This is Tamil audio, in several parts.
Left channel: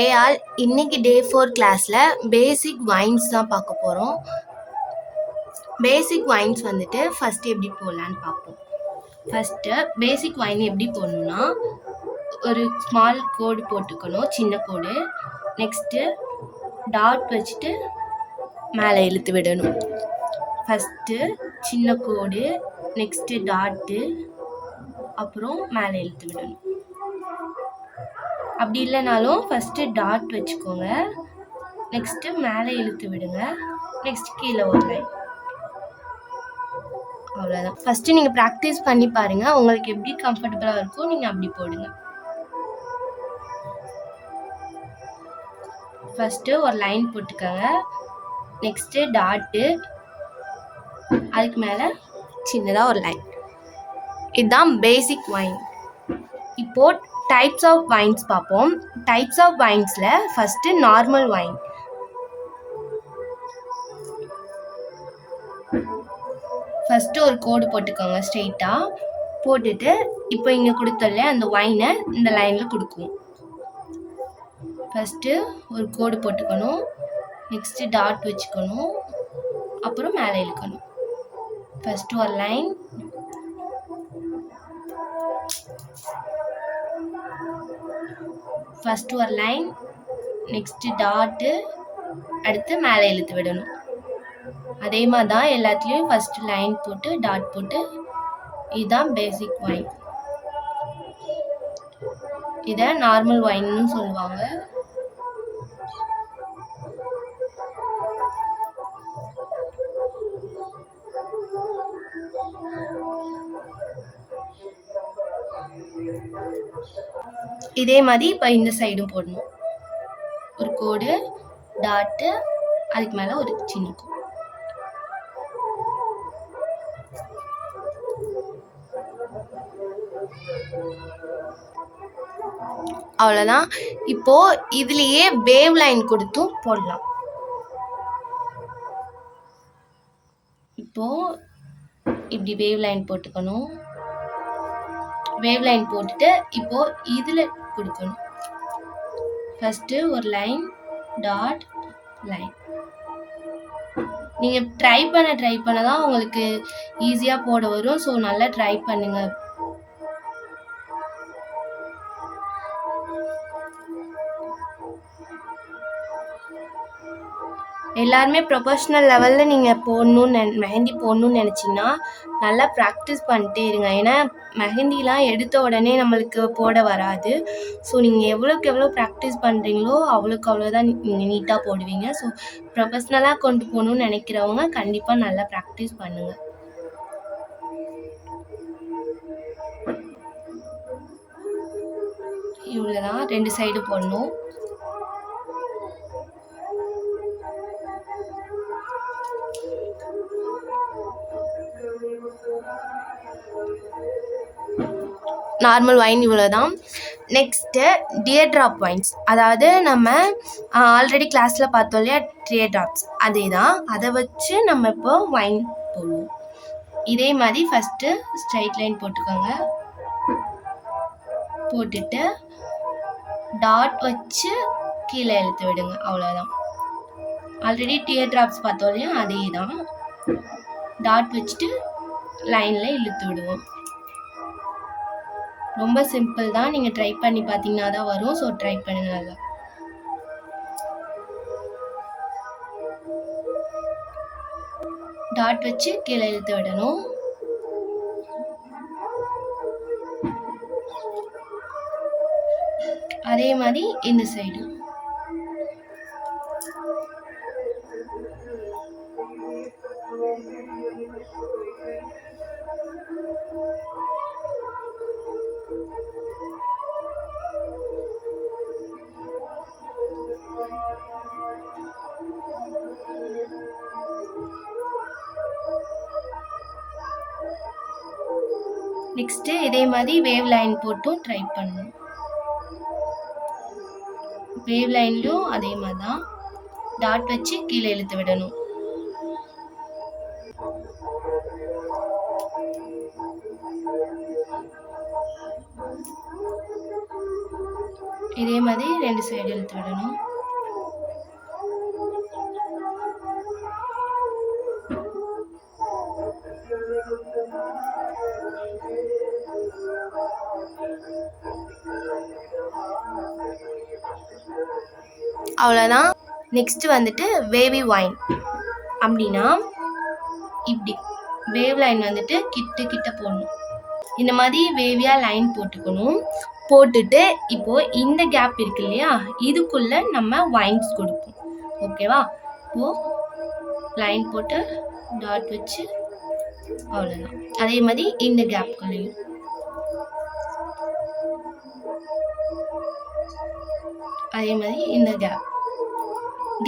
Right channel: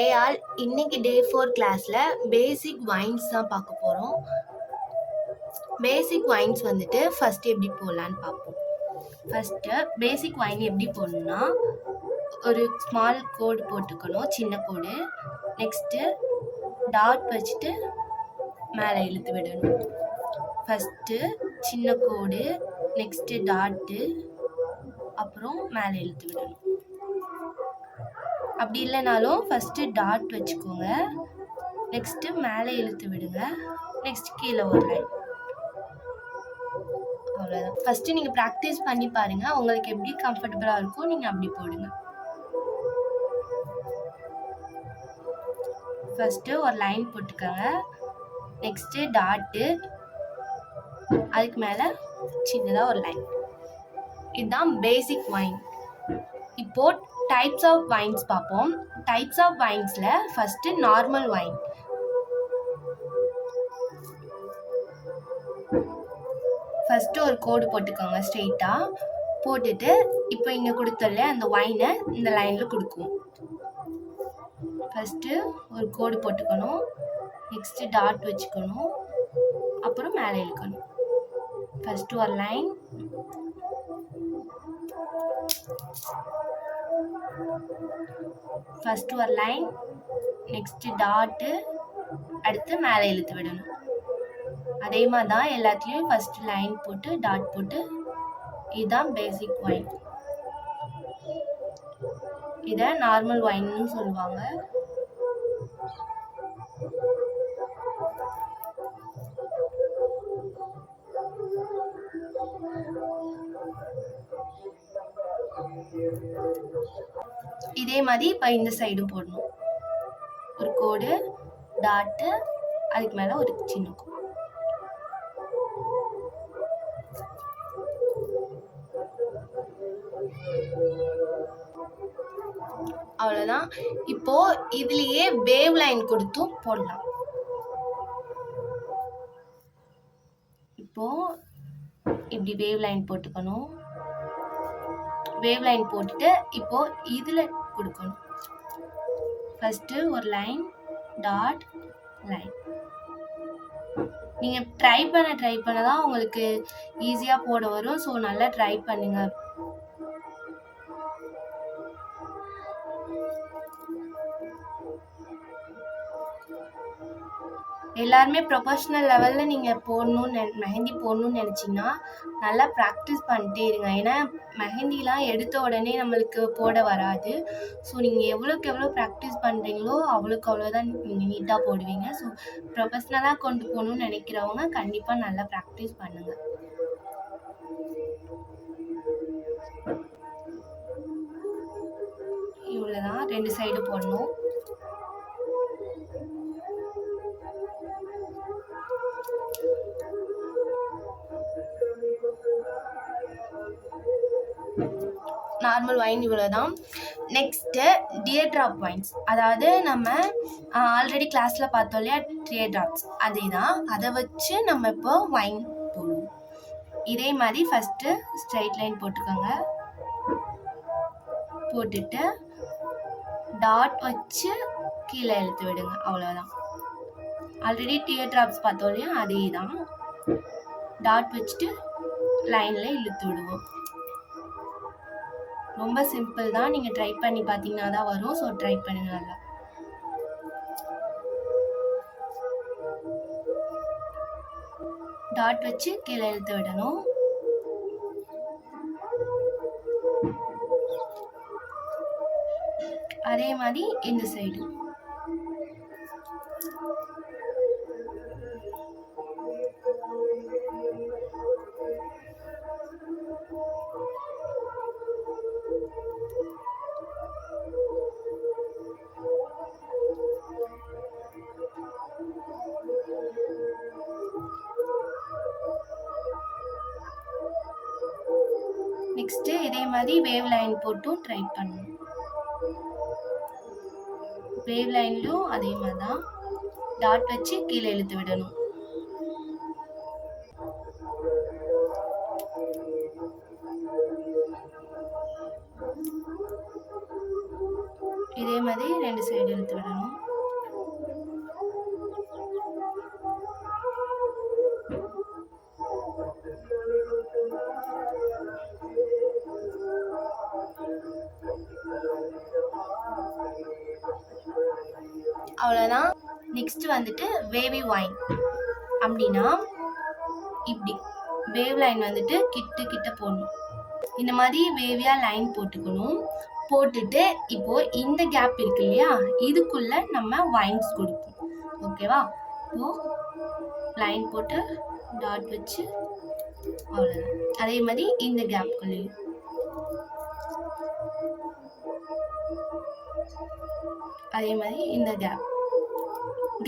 ஹே ஆல், இன்னைக்கு டே 4 கிளாஸில் பேசிக் வைன்ஸ் தான் பார்க்க போகிறோம். பேசிக் வைன்ஸ் வந்துட்டு ஃபஸ்ட்டு எப்படி போடலான்னு பார்ப்போம். ஃபஸ்ட்டு பேசிக் வைன் எப்படி போடணும்னா, ஒரு ஸ்மால் கோடு போட்டுக்கணும், சின்ன கோடு. நெக்ஸ்ட்டு டாட் வச்சுட்டு மேலே இழுத்து விடணும். ஃபஸ்ட்டு சின்ன கோடு, நெக்ஸ்ட்டு டாட்டு, அப்புறம் மேலே இழுத்து விடணும். அப்படி இல்லைனாலும் ஃபஸ்ட்டு டாட் வச்சுக்கோங்க, நெக்ஸ்ட்டு மேலே இழுத்து விடுங்க, நெக்ஸ்ட் கீழே ஒரு லைன். அவ்வளோதான். ஃபஸ்ட்டு நீங்கள் ப்ராக்டிஸ் பண்ணி பாருங்கள், உங்களுக்கு எப்படி கம்ஃபர்டபுளாக இருக்கோ நீங்கள் அப்படி போடுங்க. ஃபஸ்ட்டு ஒரு லைன் போட்டுக்கோங்க, நெக்ஸ்ட்டு டாட்டு, அதுக்கு மேலே சின்னதாக ஒரு லைன். இதுதான் பேசிக் வைன். இப்போது டைப்ஸ் ஆஃப் வைன்ஸ் பார்ப்போம். டைப்ஸ் ஆஃப் வைன்ஸில் ஃபஸ்ட்டு நார்மல் வைன். ஃபஸ்ட்டு ஒரு கோடு போட்டுக்கோங்க ஸ்ட்ரெயிட்டாக போட்டுட்டு, இப்போ இங்கே கொடுத்தல அந்த வைனை இந்த லைனில் கொடுக்கும். ஃபஸ்ட்டு ஒரு கோடு போட்டுக்கணும், நெக்ஸ்ட்டு டாட் வச்சுக்கணும், அப்புறம் மேலே இழுக்கணும். ஃபஸ்ட்டு ஒரு லைன், ஃபஸ்ட்டு ஒரு லைன், நெக்ஸ்ட்டு டாட்டு, அடுத்து மேலே இழுத்து விடணும். அதே மாதிரி தான் எல்லாத்துலேயும் ஃபஸ்ட்டு லைன் போட்டு டாட் போட்டு. இதுதான் பேசிக் வைன். இதை நார்மல் வைன்னு சொல்லுவாங்க. இதே மாதிரி இப்போ இந்த சைடும் போடணும். ஒரு கோடு, டாட்டு, அதுக்கு மேலே ஒரு சின்ன கோடு. அவ்வளோதான். இப்போது இதுலேயே வேவ் லைன் கொடுத்தும் போடலாம். இப்போது இப்படி வேவ் லைன் போட்டுக்கணும். வேவ் லைன் போட்டுட்டு இப்போது இதில் கொடுக்கணும். ஃபஸ்ட்டு ஒரு லைன், டாட், லைன். நீங்கள் ட்ரை பண்ண தான் உங்களுக்கு ஈஸியாக போட வரும். ஸோ நல்லா ட்ரை பண்ணுங்கள். எல்லாருமே ப்ரொஃபஷ்னல் லெவலில் நீங்கள் மெஹந்தி போடணுன்னு நினச்சிங்கன்னா நல்லா ப்ராக்டிஸ் பண்ணிட்டே இருங்க. ஏன்னா மெஹந்திலாம் எடுத்த உடனே நம்மளுக்கு போட வராது. ஸோ நீங்கள் எவ்வளோக்கு எவ்வளோ ப்ராக்டிஸ் பண்ணுறீங்களோ அவ்வளோக்கு அவ்வளோதான் நீங்கள் நீட்டாக போடுவீங்க. ஸோ ப்ரொஃபஷ்னலாக கொண்டு போகணுன்னு நினைக்கிறவங்க கண்டிப்பாக நல்லா ப்ராக்டிஸ் பண்ணுங்கள். இவ்வளோதான், 2 சைடு போடணும். நார்மல் வைன் இவ்வளோதான். நெக்ஸ்ட்டு டியர் ட்ராப் வைன்ஸ், அதாவது நம்ம ஆல்ரெடி கிளாஸில் பார்த்தோம் இல்லையா டியர் ட்ராப்ஸ், அதே தான். அதை வச்சு நம்ம இப்போ வைன் போடுவோம். இதே மாதிரி ஃபஸ்ட்டு ஸ்ட்ரைட் லைன் போட்டுக்கோங்க, போட்டுட்டு டாட் வச்சு கீழே இழுத்து விடுங்க. அவ்வளோதான். ஆல்ரெடி டியர் ட்ராப்ஸ் பார்த்தோம் இல்லையா அதே தான். டாட் வச்சுட்டு லைனில் இழுத்து விடுவோம். ரொம்ப சிம்பிள் தான். நீங்கள் ட்ரை பண்ணி பார்த்தீங்கன்னா தான் வரும். ஸோ ட்ரை பண்ணுங்க நல்லா. டாட் வச்சு கீழே இழுத்து விடணும். அதே மாதிரி இந்த சைடு. நெக்ஸ்ட்டு இதே மாதிரி வேவ் லைன் போட்டும் ட்ரை பண்ணணும். வேவ் லைன்லையும் அதே மாதிரி தான் டாட் வச்சு கீழே இழுத்து விடணும். இதே மாதிரி 2 2 சைடு இழுத்து விடணும். அவ்வளோதான். நெக்ஸ்ட் வந்துட்டு வேவி வைன் அப்படின்னா இப்படி வேவ் லைன் வந்துட்டு கிட்ட போடணும். இந்த மாதிரி வேவியாக லைன் போட்டுக்கணும். போட்டுட்டு இப்போது இந்த கேப் இருக்கு இல்லையா, இதுக்குள்ளே நம்ம வைன்ஸ் கொடுப்போம். ஓகேவா? இப்போது லைன் போட்டு டாட் வச்சு அவ்வளோதான். அதே மாதிரி இந்த கேப்குள்ளேயும் அதே மாதிரி இந்த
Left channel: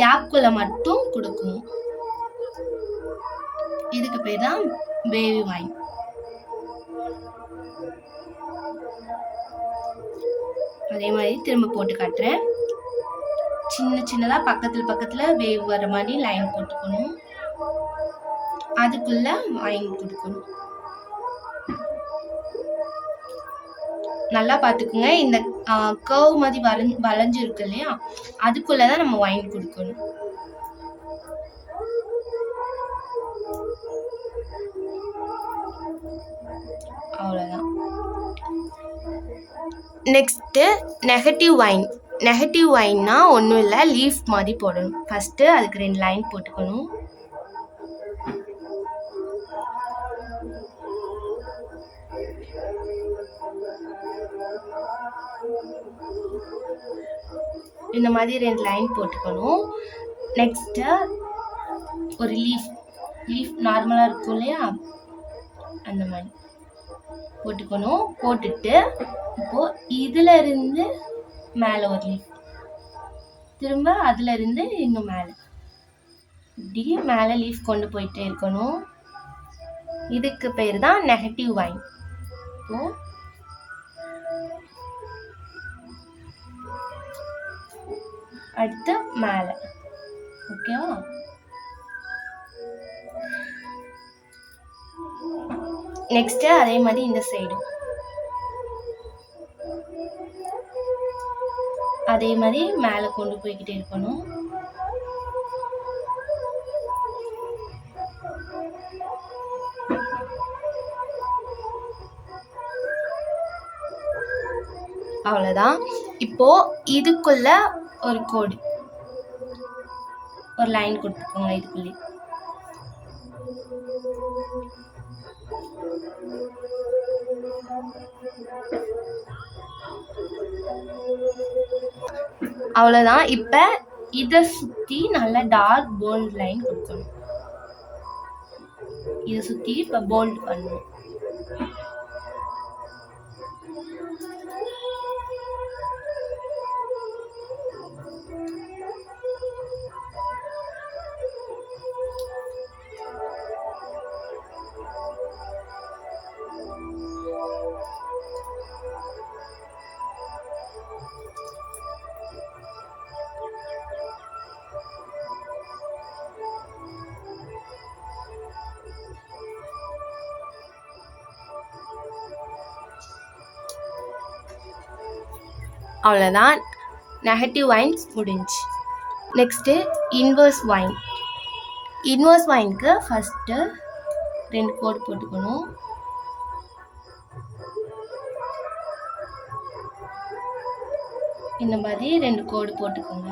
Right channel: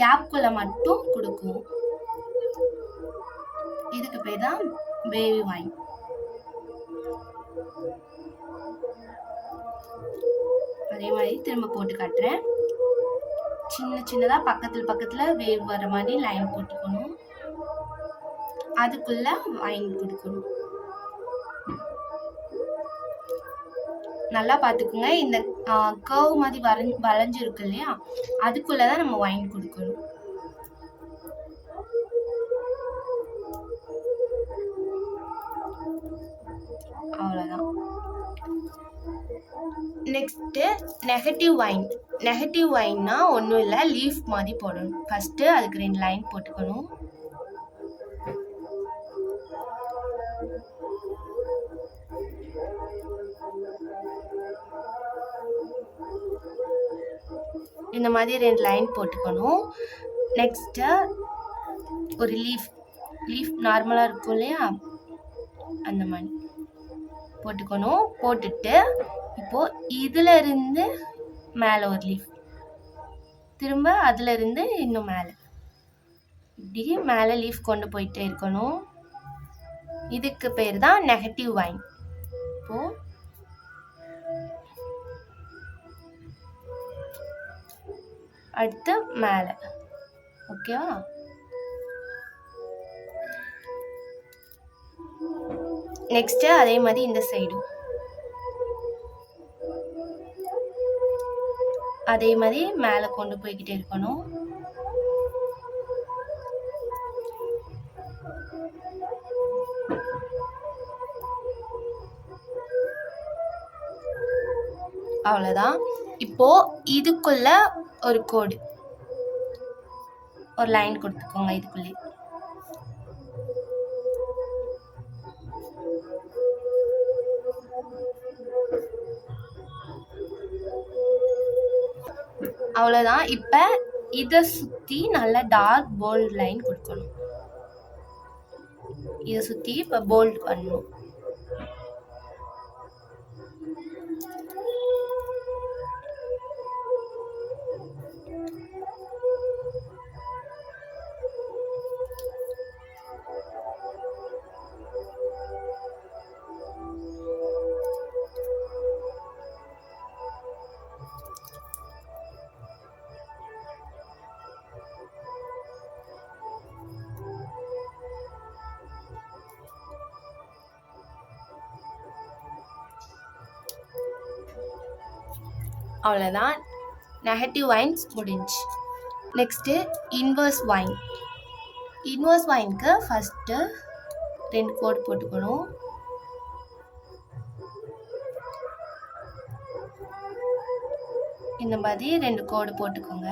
கேப்குள்ளே மட்டும் கொடுக்கணும். இதுக்கு பேர் தான் வேவி வைன். அதே மாதிரி திரும்ப போட்டு காட்டுறேன். சின்னதாக பக்கத்தில் வேவ் வர மாதிரி லைன் போட்டுக்கணும். அதுக்குள்ள வைன் கொடுக்கணும். நல்லா பார்த்துக்குங்க. இந்த கர்வ் மாதிரி வளைஞ்சிருக்கு இல்லையா, அதுக்குள்ளதான் நம்ம வைன் கொடுக்கணும். அவ்வளோதான். Next negative vine. நெகட்டிவ் வைன்னா ஒன்றும் இல்லை, லீஃப் மாதிரி போடணும். ஃபஸ்ட்டு அதுக்கு 2 லைன் போட்டுக்கணும். இந்த மாதிரி 2 லைன் போட்டுக்கணும். நெக்ஸ்ட்டு ஒரு லீஃப் நார்மலாக இருக்கும் இல்லையா, அந்த மாதிரி போட்டுக்கணும். போட்டுட்டு இப்போது இதில் இருந்து மேலே ஒரு லீஃப், திரும்ப அதில் இருந்து இன்னும் மேலே, இப்படி மேலே லீஃப் கொண்டு போயிட்டே இருக்கணும். இதுக்கு பேர் தான் நெகட்டிவ் வைன். இப்போது அடுத்து மேலே. ஓகேவா? நெக்ஸ்ட்டு அதே மாதிரி இந்த சைடும் அதே மாதிரி மேலே கொண்டு போய்கிட்டே இருக்கணும். அவ்வளோதான். இப்போ இதுக்குள்ள ஒரு கோடு, ஒரு லைன் கொடுத்துக்கோங்க. இதுக்குள்ளே அவ்வளோதான். இப்போ இதை சுற்றி நல்லா டார்க் போல்ட் லைன் கொடுக்கணும். இதை சுற்றி இப்போ போல்ட் பண்ணணும். அவ்வளோதான். நெகட்டிவ் வைன்ஸ் முடிஞ்சு. Next inverse vine. இன்வர்ஸ் வைனுக்கு ஃபஸ்ட்டு 2 கோடு போட்டுக்கணும். இந்த மாதிரி 2 கோடு போட்டுக்கோங்க.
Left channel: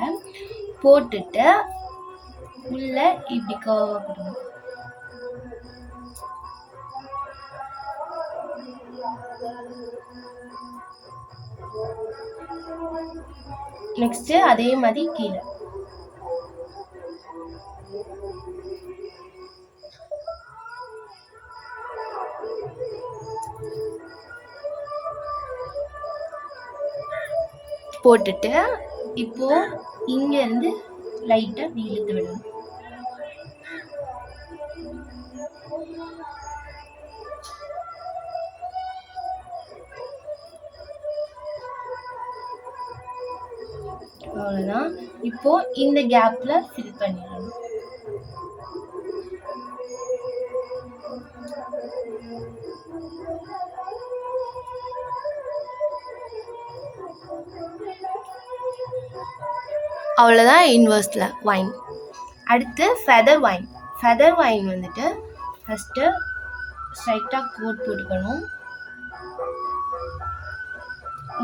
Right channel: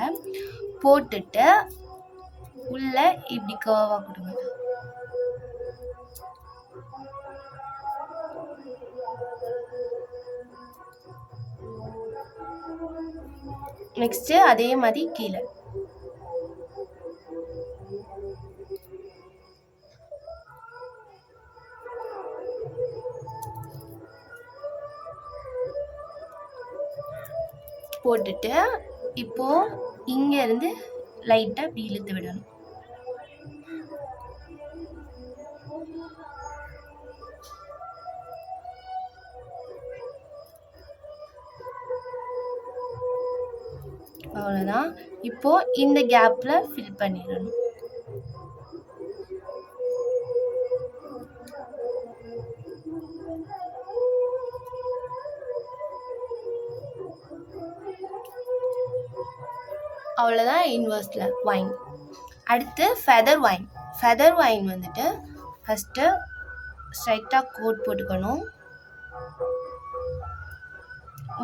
போட்டுட்டு உள்ள இப்படி கர்வாக கொடுங்க. நெக்ஸ்ட்டு அதே மாதிரி கீழே. போட்டுட்டு இப்போ இங்கேருந்து லைட்டாக இப்படி இழுத்து விடணும். அவ்வளோதான். இப்போ இந்த கேப்பில் ஃபில் பண்ணிடணும். அவ்வளோதான் இன்வெர்ஸில் வைன். அடுத்து ஃபெதர் வைன். ஃபெதர் வைன் வந்துட்டு ஃபஸ்ட்டு ஸ்ட்ரைட்டாக கோட் போட்டுக்கணும்.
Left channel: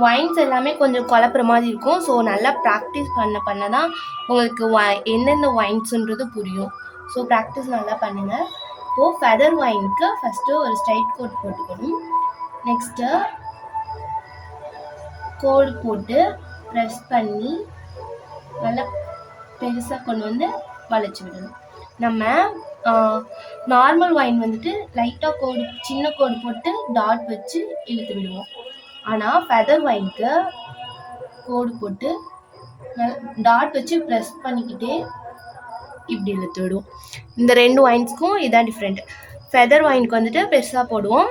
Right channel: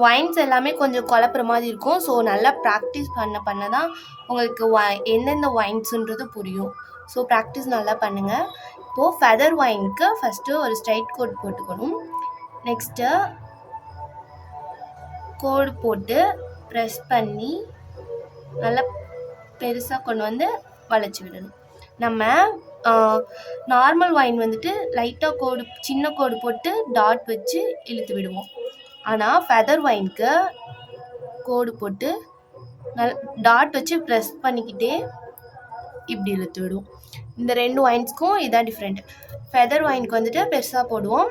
வைன்ஸ் எல்லாமே கொஞ்சம் குழப்புற மாதிரி இருக்கும். ஸோ நல்லா ப்ராக்டிஸ் பண்ண தான் உங்களுக்கு எந்தெந்த வைன்ஸுன்றது புரியும். ஸோ ப்ராக்டிஸ் நல்லா பண்ணுங்கள். இப்போது ஃபெதர் வைனுக்கு ஃபஸ்ட்டு ஒரு ஸ்ட்ரைட் கோட் போட்டுக்கணும். நெக்ஸ்ட்டு கோடு போட்டு ப்ரெஸ் பண்ணி நல்லா பெருசாக கொண்டு வந்து வளைச்சி விடணும். நம்ம நார்மல் வைன் வந்துட்டு லைட்டாக கோடு சின்ன கோடு போட்டு டாட் வச்சு இழுத்து விடுவோம். ஆனால் ஃபெதர் வைனுக்கு கோடு போட்டு டாட் வச்சு ப்ரெஸ் பண்ணிக்கிட்டே இப்படி இழுத்து விடுவோம். இந்த 2 வைன்ஸ்க்கும் இதான் டிஃப்ரெண்ட். ஃபெதர் வைனுக்கு வந்துட்டு பெருசாக போடுவோம்,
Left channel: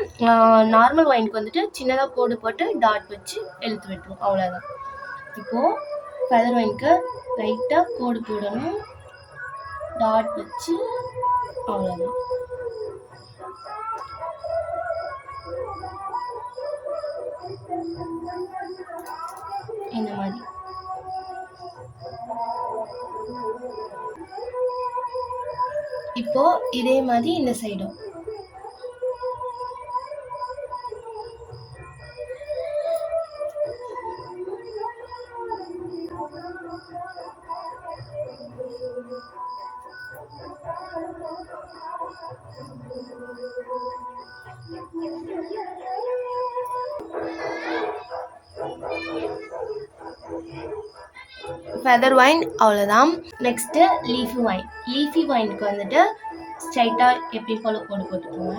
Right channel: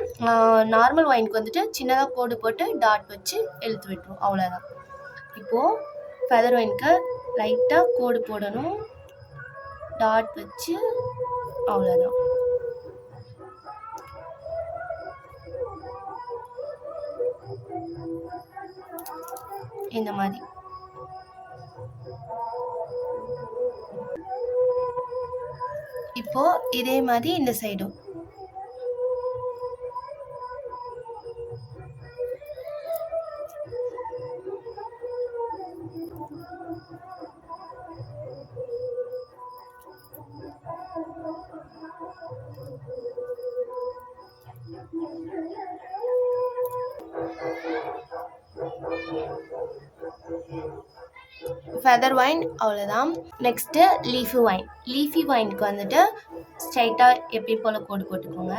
நார்மல் வைனுக்கு வந்துட்டு சின்னதாக கோடு போட்டு டாட் வச்சு இழுத்து விட்டுருவோம். அவ்வளோதான். இப்போது ஃபெதர் வைனுக்கு லைட்டாக கோடு போடணும், டாட் வச்சு, அவ்வளோதான். இந்த மாதிரி இப்போ இதே மாதிரி இந்த சைடும் ஃபெதர் வைன் அவ்வளோதான். Next leafy vine. லீஃபி வைனுக்கு வந்துட்டு ஸ்ட்ரைட்டாக எப்பயும் போல் கோடு போட்டுக்கோங்க.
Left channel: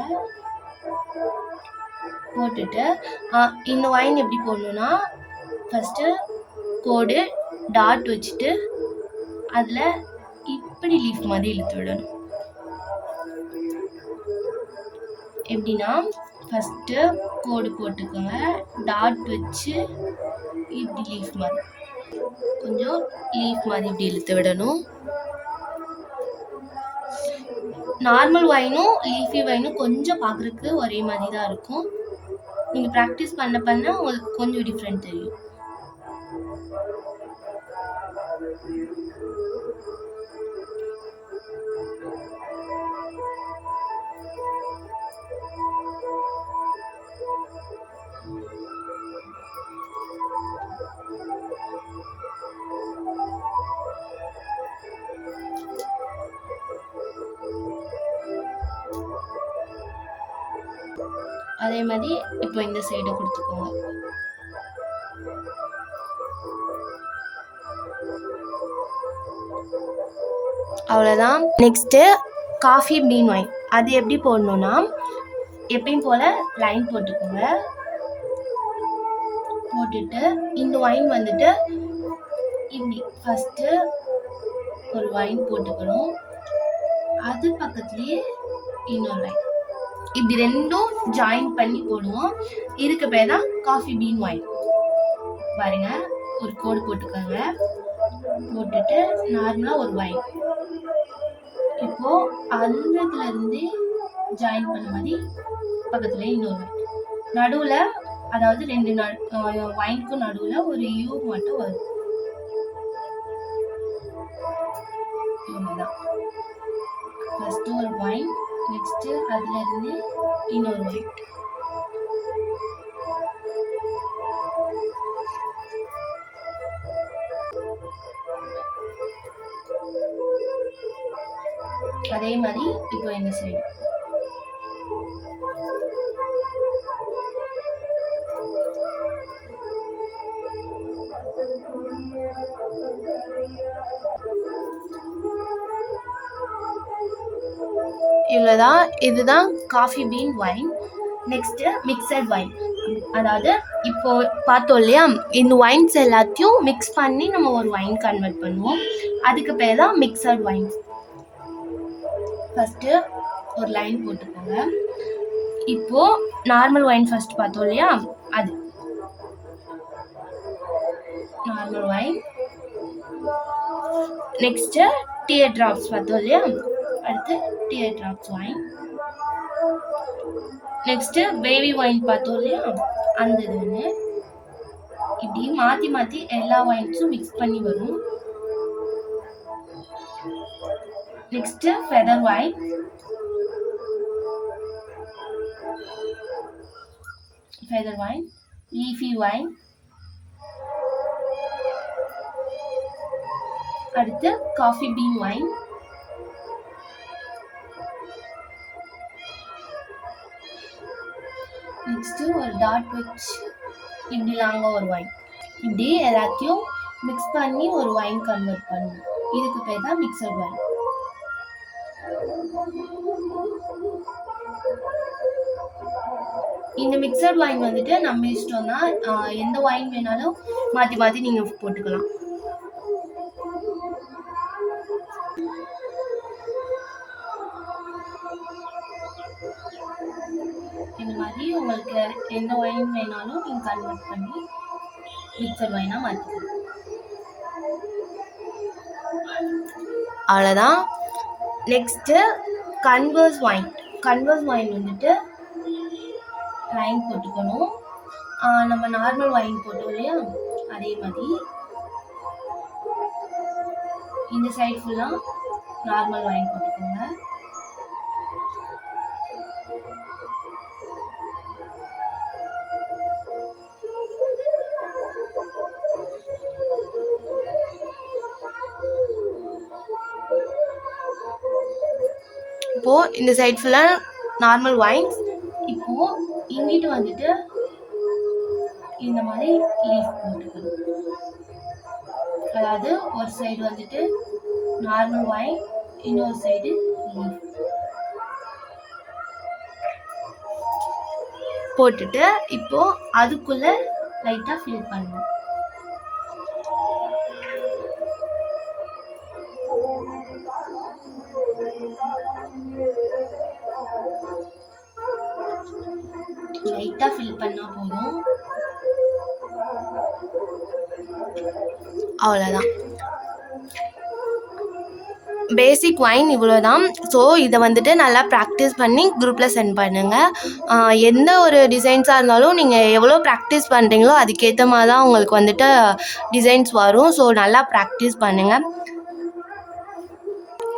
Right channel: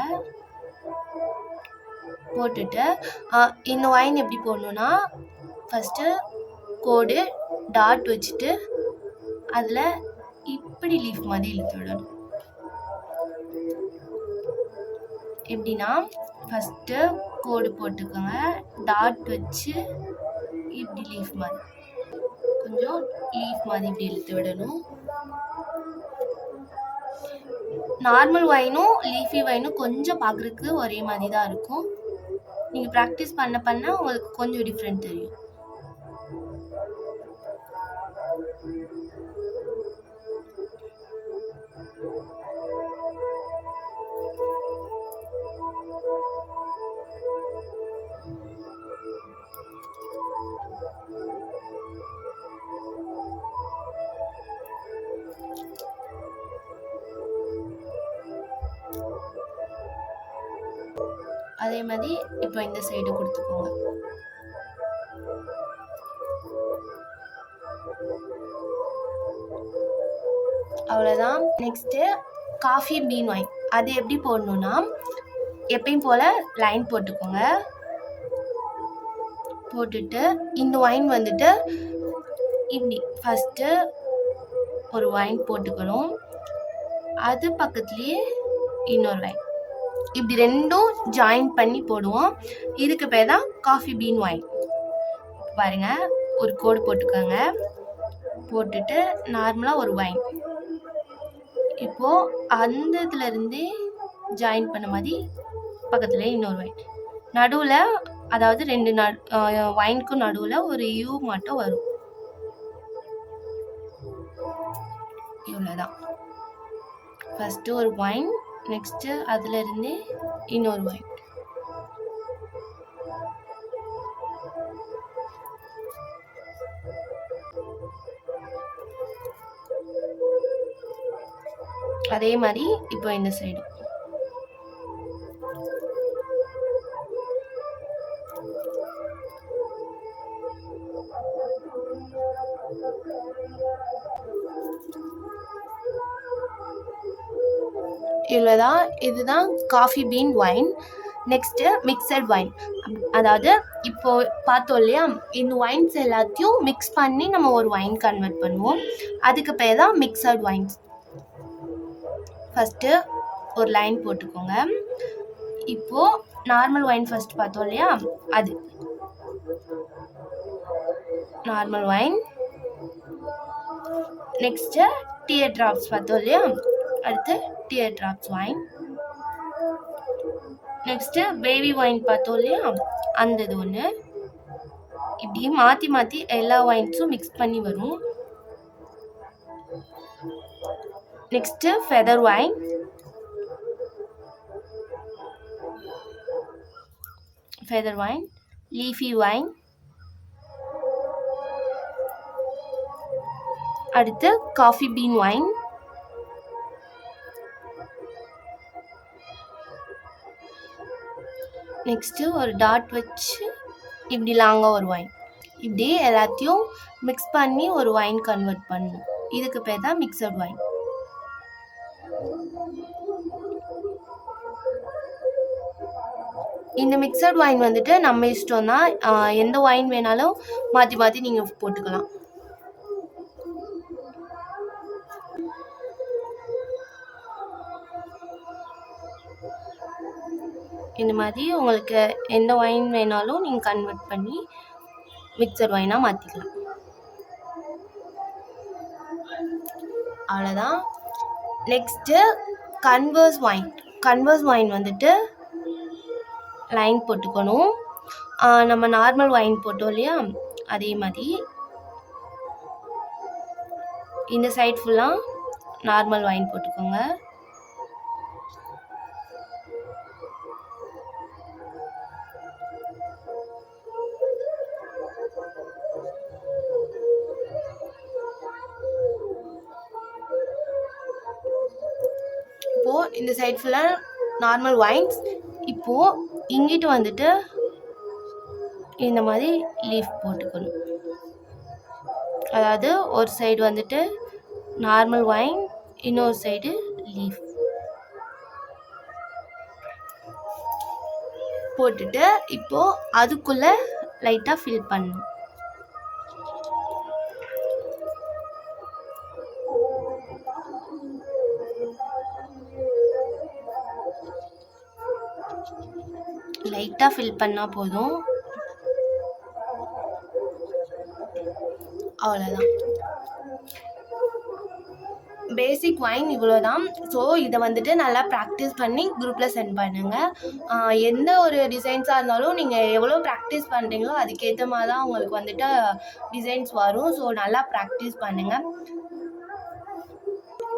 போட்டுட்டு இந்த வைன் எப்படி போடணுன்னா ஃபஸ்ட்டு கோடு டாட் வச்சுட்டு அதில் இப்படி லீஃப் மாதிரி இழுத்து விடணும். எப்படின்னா ஃபஸ்ட்டு கோடு போட்டுக்கோங்க, டாட் வச்சு இப்படி லீஃப் மாதிரி கொஞ்சம் லீஃப் மாதிரி இப்படி இழுத்து விடணும். நார்மல் வைனும் லீஃபி வைனும் கொஞ்சம் பார்க்குறதுக்கு ஒரே மாதிரி தான் இருக்கும். நீங்கள் ப்ராக்டிஸ் பண்ண உங்களுக்கு கொஞ்சம் டிஃப்ரெண்ட் தெரியும். அதே மாதிரி இப்போ இந்த சைடு கொடுத்துக்கோங்க. அவ்வளோதான். Next coffee bean vine. அது எப்படி போடணுன்னா எப்பயும் போல் லைன் போட்டுக்கோங்க. போட்டுட்டு இந்த வைன் வந்துட்டு இப்படி ஃபஸ்ட்டு ஒரு வைன் போட்டுக்கணும், அது பக்கத்துலேயே இன்னொரு வைன், இப்படி ரெண்டும் ஜாயின் பண்ணி போடுவோம். இதுக்கு பேர் தான் காஃபி பீன் வைன். பாருங்க, ஒரு கோடு போட்டுக்கோங்க, போட்டுட்டு நார்மலாக ஒரு வைன், இப்போது அந்த இதுலேருந்து ஜாயின் பண்ண மாதிரி பக்கத்தில் இன்னொரு வைன், நடுவில் அதாவது 2 வைனுக்கும் நடுவில் ஒரு யூ மட்டும் வரும். இவ்வளோதான். ஃபஸ்ட்டு ஒரு வைன், நெக்ஸ்ட்டு அதுலேருந்து இன்னொரு வைன். அதே மாதிரி இப்போ இந்த சைடு இவ்வளோதான். இதுதான் coffee bean vine. Next mixed vine. அதாவது இப்போ பார்த்தோம் இல்லையா, இந்த வைன்ஸ் எல்லாத்தையும் மிக்ஸ் பண்ணி நம்ம ஒரு வைன் கன்வெர்ட் பண்ணுவோம். அதுக்கு பேர் தான் மிக்சட் வைன்ஸ். ஃபஸ்ட்டு ஒரு லைன் போட்டுக்கோங்க. இப்போது நார்மல் வைன் ஃபஸ்ட் பார்த்தோம் இல்லையா, அது normal vine. Next tear drops பார்த்தோம் இல்லையா, அடுத்து tear drops vine. Next baby vine பார்த்தோம் இல்லையா, அந்த இது ஒன்று. இப்படி மாற்றி மாற்றி எல்லா வைன்ஸும் மிக்ஸ் பண்ணி வரும். Next feather vine, leafy vine, அடுத்து காஃபி பீன் வைன், நெக்ஸ்ட்டு ஒரு டாட் வச்சு இப்படி லாங்காக ஒரு வைன். இப்படி எல்லாத்தையும் மிக்ஸ் பண்ணி ஒரு வைன் கன்வெர்ட் பண்ணணும். இதுக்கு பேர் தான் மிக்சட் வைன். இந்த மிக்சட் வைன் வந்துட்டு நம்ம இஷ்டம் தான். எந்த வைன் வேணாலும் மாற்றி மாற்றி நீங்கள் போட்டுக்கலாம். இந்த மாதிரி உங்களுக்கு எந்த வைன் வேணாலும் நீங்கள் கன்வெர்ட் பண்ணி மிக்சர் வைனாக மாற்றிக்கலாம். அவ்வளோதான். நெக்ஸ்ட்டு கன்வர்ஸ் வைன் வந்துட்டு லைன் போட்டுக்கணும். நம்ம நார்மல் வைன் போட்டோம் இல்லையா, அதே மாதிரி இந்த சைட் ஃபுல்லாக நார்மல் வைன் போட்டுக்கோங்க. இப்போது இந்த சைட் ஃபுல்லாக நார்மல் வைன்ஸ். இப்போது இங்கிட்டு வந்துட்டு இந்த மாதிரி லீஃப் போட்டுக்கணும். அதாவது ஒரு சைடு வந்துட்டு நார்மல் வைன், இன்னொரு சைடு லீஃப் போட்டுட்டு இப்போது அதுக்குள்ளே லைட்டாக ஃபில் பண்ணணும். லைட்டாக ஃபில் பண்ணால் போதும். அவ்வளோதான். பேசிக் வைன் இவ்வளோ தான். ஸோ இதை வந்துட்டு நல்லா ப்ராக்டிஸ் பண்ணி குரூப்பில் சென்ட் பண்ணுங்கள். எந்த ஒரு டிசைன்ஸாக இருந்தாலும் நீங்கள் எவ்வளோ ப்ராக்டிஸ் பண்ணுறீங்களோ அதுக்கேற்ற மாதிரி தான் உங்களுக்கு வந்துட்டு டிசைன்ஸ் வரும். ஸோ நல்லா ப்ராக்டிஸ் பண்ணுங்கள்.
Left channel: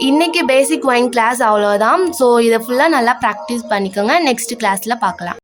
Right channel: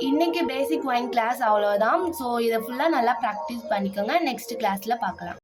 இன்றைக்கி பேசிக் வைன் கிளாஸ் அவ்வளோதான். ஸோ இதை ஃபுல்லாக நல்லா ப்ராக்டிஸ் பண்ணிக்கோங்க. நெக்ஸ்ட் கிளாஸில் பார்க்கலாம்.